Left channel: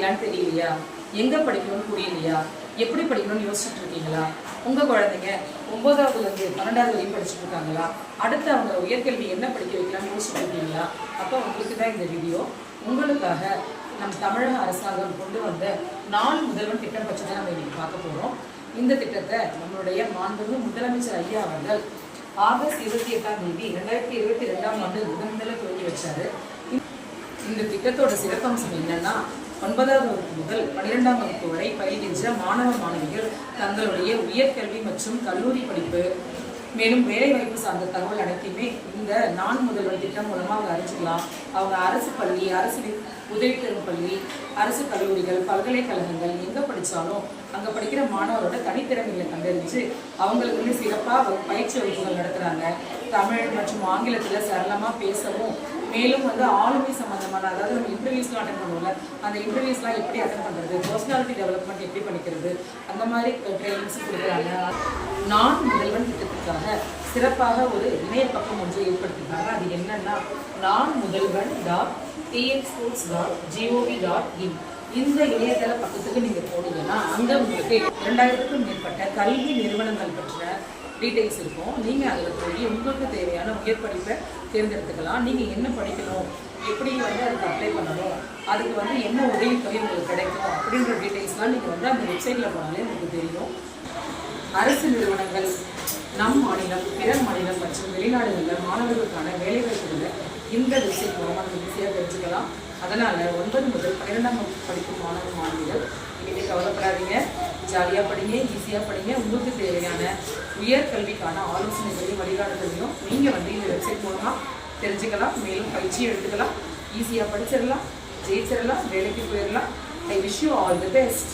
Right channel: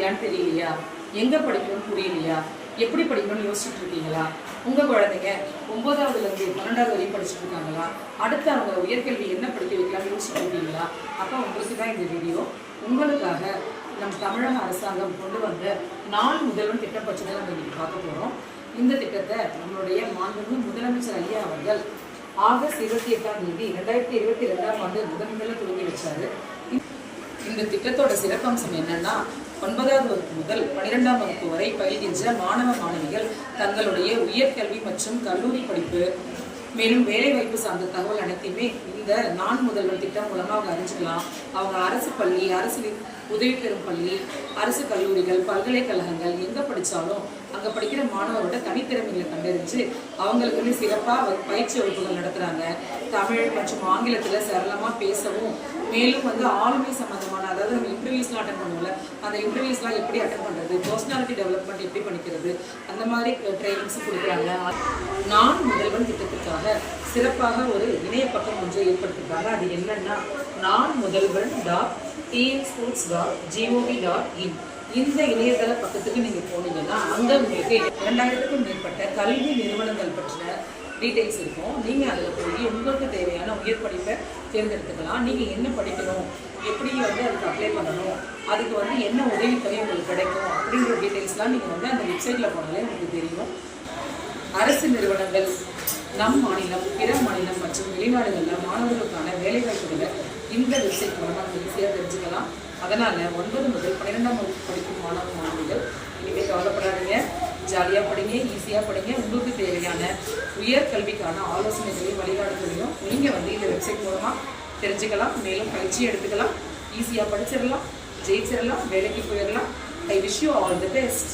படிக்கலான்னு தெரியலையா? எங்க படிக்கணும்னு புரியலையா? எப்படி படிக்கணும்னு யோசிச்சுட்டு இருக்கீங்களா? உங்க குழந்தைங்க ஒன்பதாவதுல இருந்து பன்னெண்டாவது வரையும் படிச்சுட்டு இருக்காங்களா? அடுத்து அவங்க உயர்கல்வி என்ன படிக்க வைக்கலாம்னு யோசிச்சுட்டு இருக்கீங்களா? அப்போ உங்களுக்கு தான் இந்த வீடியோ உங்களுக்காக நம் தமிழக அரசாங்கம் கொண்டு வந்த நாள் முதல்வன் திட்டம் பற்றி தான் நம்ம இன்றைக்கி பார்க்க போறோம். இந்த திட்டத்தை நம்மளுடைய மாண்புமிகு முதலமைச்சர் ஐயா அவர்கள் ஆகஸ்ட் இருபத்தி எட்டாம் தேதி ரெண்டாயிரத்தி இருபத்தி ரெண்டாம் ஆண்டு முதன்முதலில் துவங்கி வச்சாரு. இந்த திட்டத்தோட சிறப்பம்சம் என்னன்னா ஒன்பதாவது வகுப்பு முதல் பன்னிரெண்டாம் வகுப்பு வரை பயில்கின்ற மாணவ மாணவிகள் தங்களுடைய உயர்கல்வி மற்றும் கல்லூரி படிப்பு மேலும் வேலைவாய்ப்பு சார்ந்த தகவல் அனைத்தையுமே இந்த நான் முதல்வர் திட்டம் மூலமா அவங்க அறிஞ்சிக்கலாம். அவங்க அரசு பள்ளி அரசு உதவி பெறும் பள்ளி அரசு கல்லூரிகள் பல்கலைக்கழகங்கள் எங்க படிச்சாலும் அங்க படிக்கிற மாணவரோட தனித்திறமைகளை கண்டறிஞ்சு அவங்களுக்கு வந்து சிறப்பா பயிற்சி வகுப்புகள் நடத்துறாங்க. தமிழ் மற்றும் ஆங்கிலத்துல சரளமா பேசவும் மேலும் வந்து ஆளுமை சம்பந்தமான அதாவது நம்ம இன்டர்வியூஸ்லாம் அட்டன் பண்ணுவோம்ல அந்த இன்டர்வியூஸ்லாம் எப்படி அட்டன் பண்ணுறது பர்சனாலிட்டி டெவலப்மெண்ட் எப்படி பண்ணிக்கிறது அந்த மாதிரி ட்ரைனிங்ஸ் கொடுக்குறாங்க. நான் முதல் சிறப்பாக ஒரு இணைய பக்கம் ஒன்றை ஏற்படுத்திருக்காங்க அது என்னன்னா நான் Mudhalvan dot TN sports dot G O V dot in. இந்த இணையதள பக்கத்துக்கு நீங்கள் போனீங்கன்னா அங்கே உங்களுக்கு இரண்டாயிரத்துக்கும் மேற்பட்ட கல்வி நிறுவனங்கள் பற்றின டீட்டெயில்ஸ் இருக்கும். நீங்கள் அதில் போய் உங்களுக்கு தேவையான உயர் படிப்பை தேர்ந்தெடுத்துக்கலாம். நீங்கள் என்ன படிக்கணும் எப்படி வந்து அதுக்கு அப்ளை பண்ணணும் அதுக்கு வந்து என்ன உதவித்தொகை உங்களுக்கு கிடைக்கும் அப்படின்ற டீட்டெயில்ஸ்லாம் நீங்கள் வந்து அந்த வெப்சைட்டில் போனாலே உங்களுக்கு தெரியும். அரசு நிறுவனங்கள் நம் மாநிலம் பிற மாநிலம் மற்றும் வெளிநாடுகளில் மாணவர்களுக்கான வேலைவாய்ப்புகளை இந்த வெப்சைட் மூலமாக நம்ம ஈஸியாக தெரிஞ்சுக்கலாம். அதனால் ஒன்பது முதல் பன்னிரெண்டாம் வகுப்பு படிக்கும் மாணவ மாணவிகள் இனிமேல் கவலைப்படாதீங்க. ஜாலியாக படிங்க ஈஸியாக படிங்க. உங்களுக்கு தேவையான உயர் கல்விக்கான ஆலோசனைகளையும் வழிகாட்டுதலையும் நீங்கள் வந்து இந்த வெப்சைட் மூலமாக தெரிஞ்சுக்கலாம். மேலும் பயிற்சி எடுத்துக்கலாம். ஈஸியாக படிச்சிடலாம் ஜெயிச்சிடலாம் வேலைக்கு போயிடலாம். I wish you all the best